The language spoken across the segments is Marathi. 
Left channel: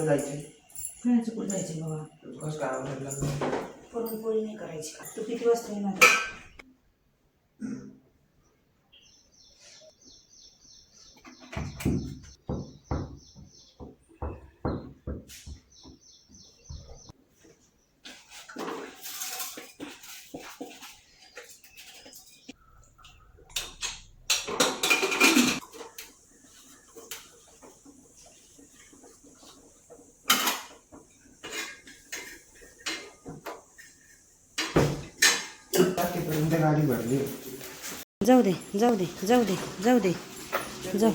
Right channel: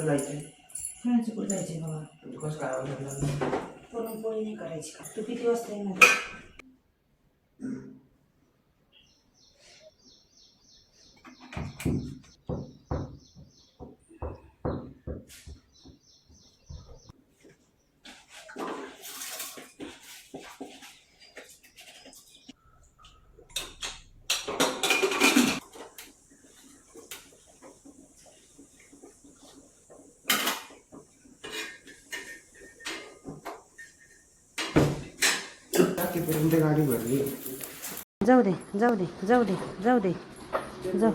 कुठं जायचं? फिरायचं कुठं जायचं बाबा? कसं काय आवडत लागलं? पुरणपोळी नाही करायची का? तू किती वाजता येणार? टाकीपर्यंत गाडी भरली. जाऊ दे जाऊ दे जाऊ दे जाऊ दे जाऊ.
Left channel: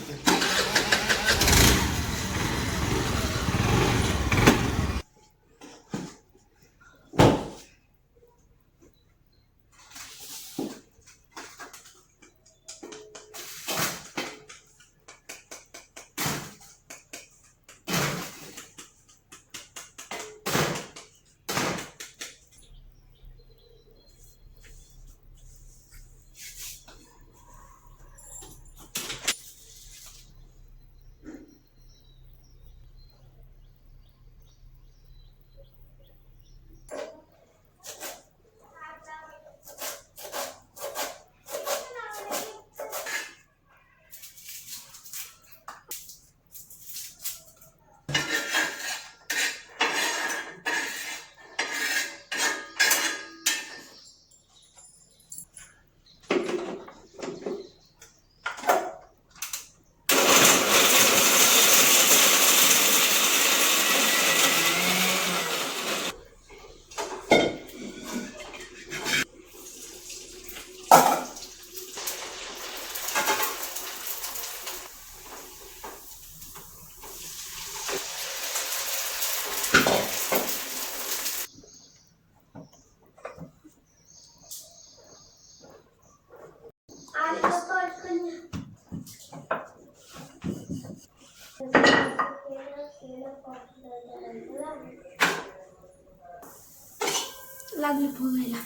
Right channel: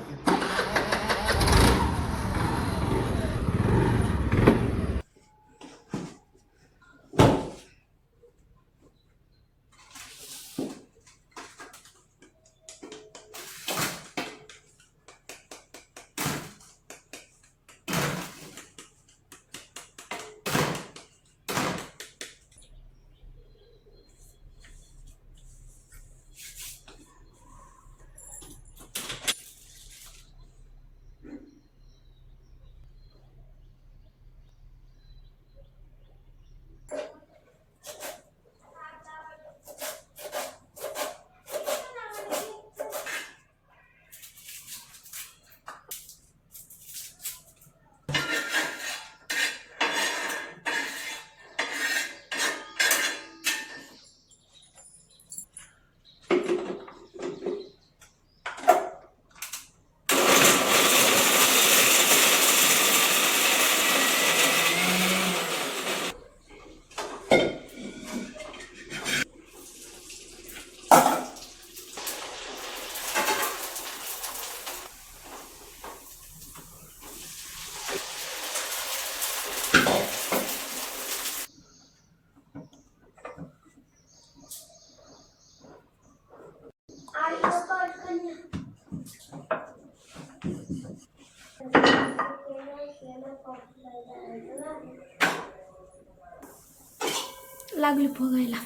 लागली फुगायला.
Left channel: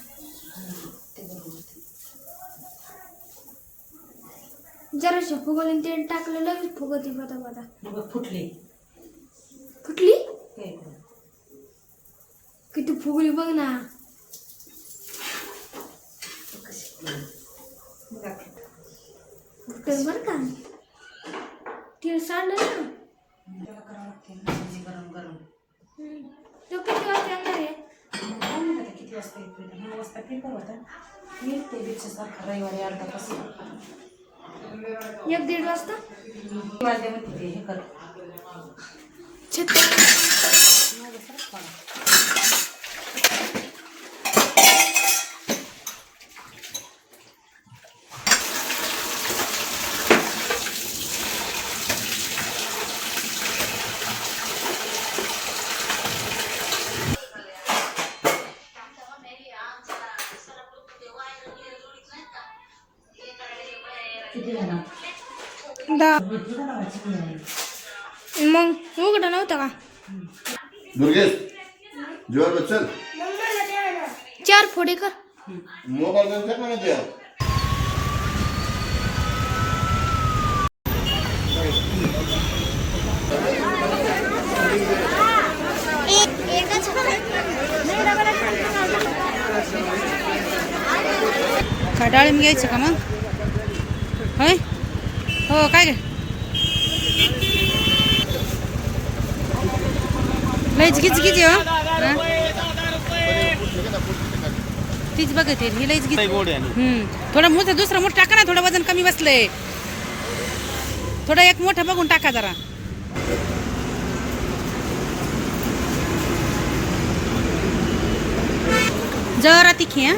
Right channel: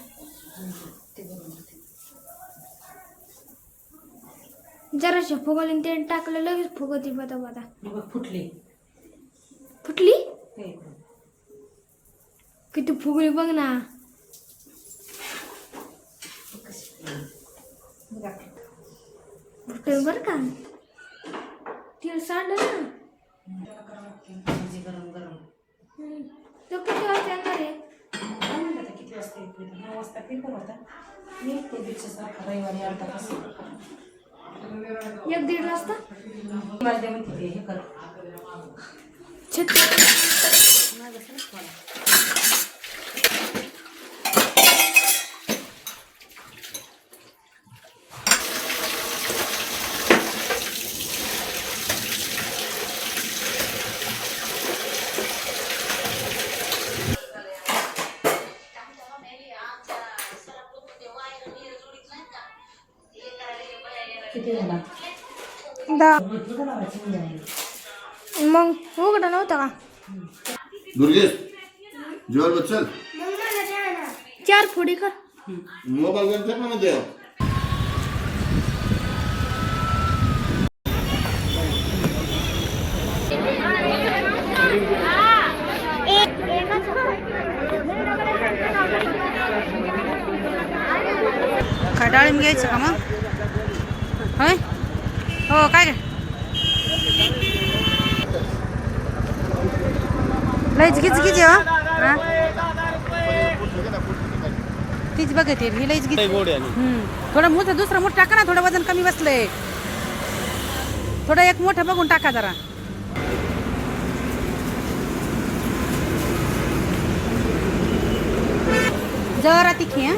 जराशी फुगवली ते टाकलं लगेच फुगती पता पता. बघ फुटली. फुटली किती फुगली बघ ना. फुटेल बर का ती सांड ना. गरम गरम तो किती वाजता येणार आहे? किती वाजता येतो? 9 वाजता पेपर होता. मी ते बिटचं सारखा रविवारी अर्धा तास 1-1:30 वाजता वाजल्या म्हणते हे कर माझं खरंच पडा. किती झाला? 10. मग उघडा नव्हता का? दुर्गेश जोर बच्चन 4 फोडी कर. मोबाईल गेम खेळना मध्ये काय डाळिंब घ्यायचं का मग? होय हो काय काय लईच घीच घीच तीच बघते ही लईच घीच. थोडं मोठं दुसरं मोठं टाका ना. थोडं वजन कमी बसलंय. थोडं एक मोठं बघून टाका जरा. जरा तिखी हा.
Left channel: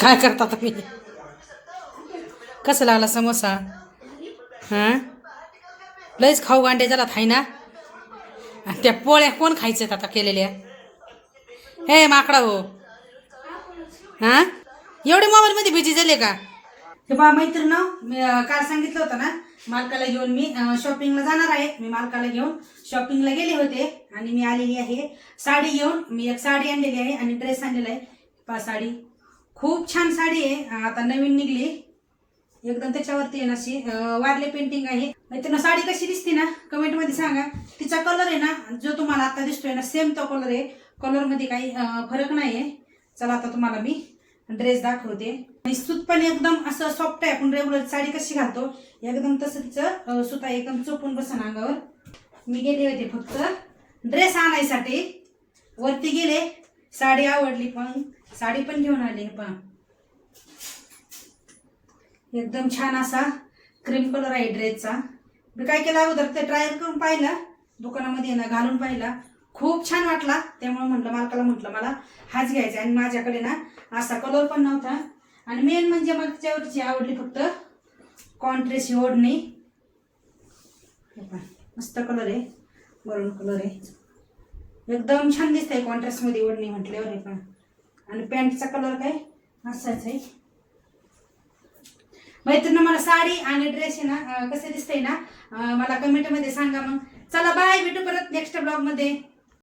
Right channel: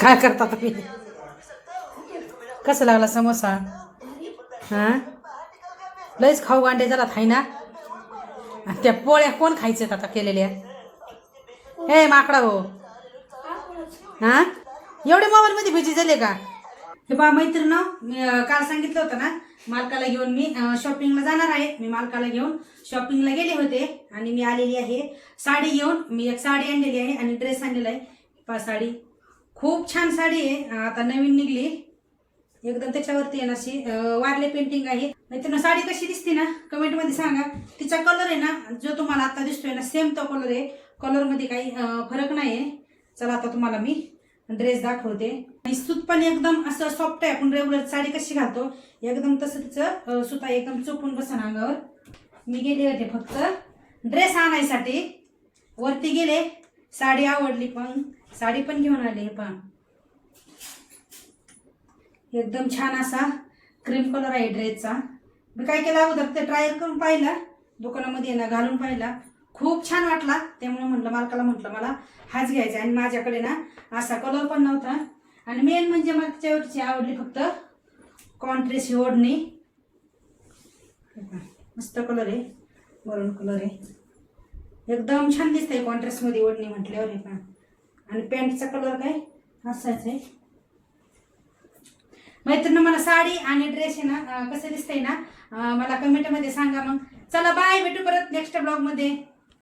काय करता तुम्ही? कसं लागला समोसा? हा लयच खाऊ गांडे झाला थाय ना. त्या पोळ्या कोण खायच्यात आता केलेल्या? हे माकडा हो. हा एवढे मोबाईल मध्ये बिझी झाले का? हे बा मैत्रीण मी काल सांगितलं होतं ना मालकाला घेऊन मी शॉपिंगला जाणार आहे. मी मालकाला घेऊन शॉपिंगला गेले होते आणि मी आलेली आहे साडी घेऊन. मी एक साडी आणलेली आहे आणि ड्रेस आणलेला आहे. पा साडी खूप छान साडी आहे. आता नवीन निघली एकदम त्याच्यावरती आहे ना अशी वारले पेंटिंग आहे. मित्रांनो साडी कशी दिसते ना कमेंटमध्ये सांगा. तिचा कलर आहे ना जो तुम्हाला आता दिसतोय ना सेम तो कलर आहे. कलरमध्ये काही फरक नाही आहे. चला आता तुम्हाला मी ड्रेस दाखवते. आणि सूत पण एकदम असं सॉफ्ट आहे. आपण रेग्युलर साडी कशी घालतो एकदम तसं तिचं सुता एकदम चोपून बसन अंगावर. मी गेले होते फक्त ड्रेस आणायसाठी. वरती गेले, साडी आवडली पण साडी पण घेऊन आली. पण एकदम छान असा क्रीम कलर आहे ड्रेसचा. मी काय केलं अगोदर ते ट्रायल करून पाहिला दुकानामध्ये ना घालून पाहिला. खूप छान वाटला. त्यामुळे मालकाला म्हटलं मला हाच घ्यायचा. आणि माझ्याकडे ना असा कलर पण नव्हता. आणि मेन म्हणजे मला त्याच्यावरची आवडली फक्त कॉन्ट्रेस्ट ओढणी. मस्त कलर आहे, मरून कलर आहे. एकदम छान दिसतंय कॉन्ट्रास्टमध्ये ओढणी म्हटल्यावर. हे पण आणि पॅन्टचा कलर काय असाच आहे. मैत्रिणी मला साडी आणि ड्रेस आहे ना कसं दिसतंय ना मला कमेंटमध्ये सांगा. मग चला बाय, भेटू परत नेक्स्ट ब्लॉगमध्ये.